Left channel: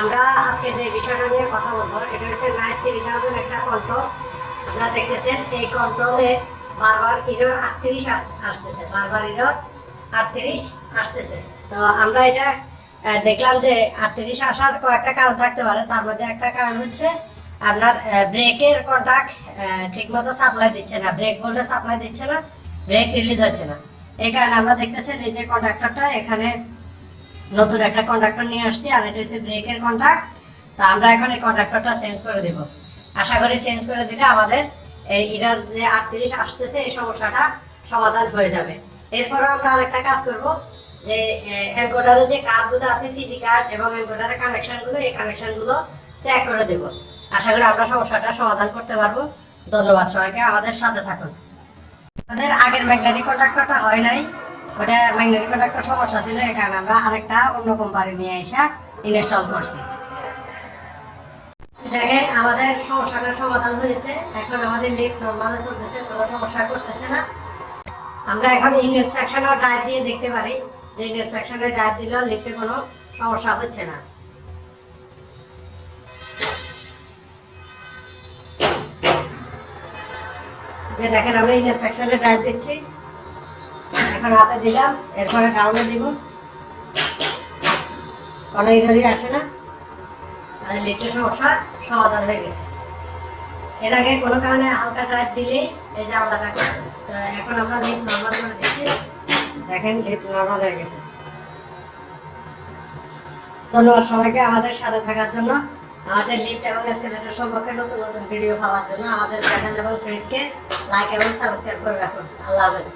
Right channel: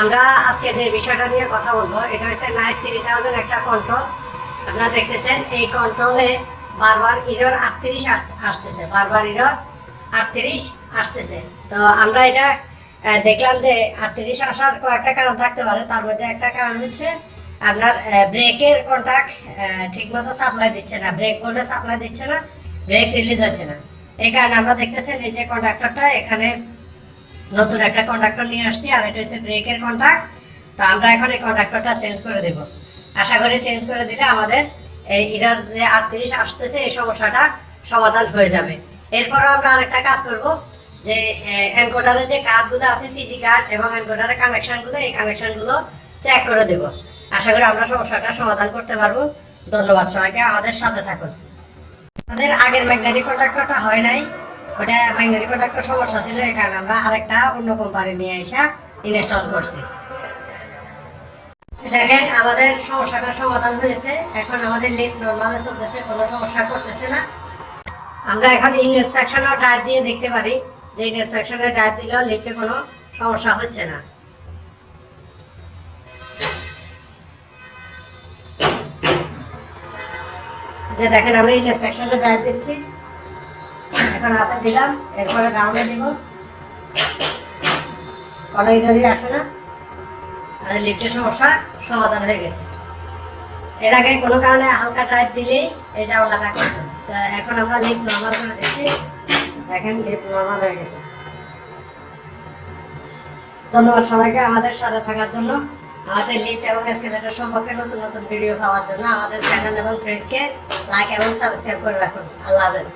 আমরা আজকে যে বিষয়টা নিয়ে কথা বলব, এটা হচ্ছে নাইস থ্রি থাউজেন্ড একটা কন্ট্রোল আপনারা দেখতেছেন, এই কন্ট্রোলে বারবার ইরর আটত্রিশ আসতেছে, বারবার ইরর আটত্রিশ আসতেছে। তো আমরা এটা দেখলাম যে আটত্রিশ আসার কয়েকটা কারণ থাকতে পারে। তার মধ্যে একটা কারণ হচ্ছে আপনার ব্রেকের কন্ট্যাক্ট ঠিক মতো সাপ্লাই দিচ্ছে না। ব্রেক বললে সাপ্লাই দিচ্ছে না ব্রেক রিলিজ হচ্ছে না। এই কারণে আমরা দেখতেছেন এই যে কন্ট্রাক্টরটা এখানে নতুন একটা কন্ট্রাক্টর নিয়ে আসছি, আর এটা হচ্ছে ব্রেকের কন্ট্রাক্ট তো আমরা এখন এই কন্ট্রাক্টরটা চেঞ্জ করে দেব। আশা করি চেঞ্জ করে দিলে আমাদের এই এটার যে আটত্রিশ আসতেছে, এই সমস্যাটা সমাধান হয়ে যাবে। এরপরও আমরা আরেকটা কাজ করব, যে এনকোডারের যে কার্ডগুলো আছে ফিজি কার্ড এবং এনকোডারের কানেকশনগুলো এই কানেকশনগুলো চেক করে দেব। আশা করি আমরা সমস্যাটা সমাধান করতে পারব। ধন্যবাদ সবাইকে, আমাদের সাথে থাকুন। আমাদের আগের ম্যাগনেটিক কন্ট্রাক্টরটা হয় নাই। ওটা ম্যাগনেটিক কন্ট্রাক্টর সমস্যা ছিল, এই কারণে আমরা আরেকটা অন্য কোম্পানি নিয়ে এসে ইনস্টল করছি। দেখেন, আমাদের সমস্যাটার সমাধান হয়েছে। এখন আমাদের লিফট নর্মালে চলতেছে, কোনো সমস্যা করতেছে না। আমরা এখন ইনস্ট্রাকশনেও টাইপ দিয়ে দেখতে পারি যে ইনস্ট্রাকশনে টাইপ দিলেও লিফটে কোনো সমস্যা হচ্ছে না। যে দেখেন আমি ইনস্ট্রাকশনে টাইপ দিচ্ছি। এখন আপে দিলাম ডাউনে দিব। ইডারই আসে না আর লিফটের সমস্যা, সমাধান হয়ে গেছে। এর আগে কোনো কারণে হালকা টাইপ দিলেই এই জামালাটা এখন আমরা নর্মাল করে দেখেন নর্মাল হয়ে গেছে। ধন্যবাদ সবাইকে আমাদের সাথে থাকার জন্য। আমাদের লিফট এবং এসকেলেটর সম্পর্কে নতুন নতুন ভিডিও পাওয়ার জন্য আমাদের চ্যানেল এবং ফ্রেন্ডসকে লাইক এবং সাবস্ক্রাইব করে রাখুন। আল্লাহ হাফেজ।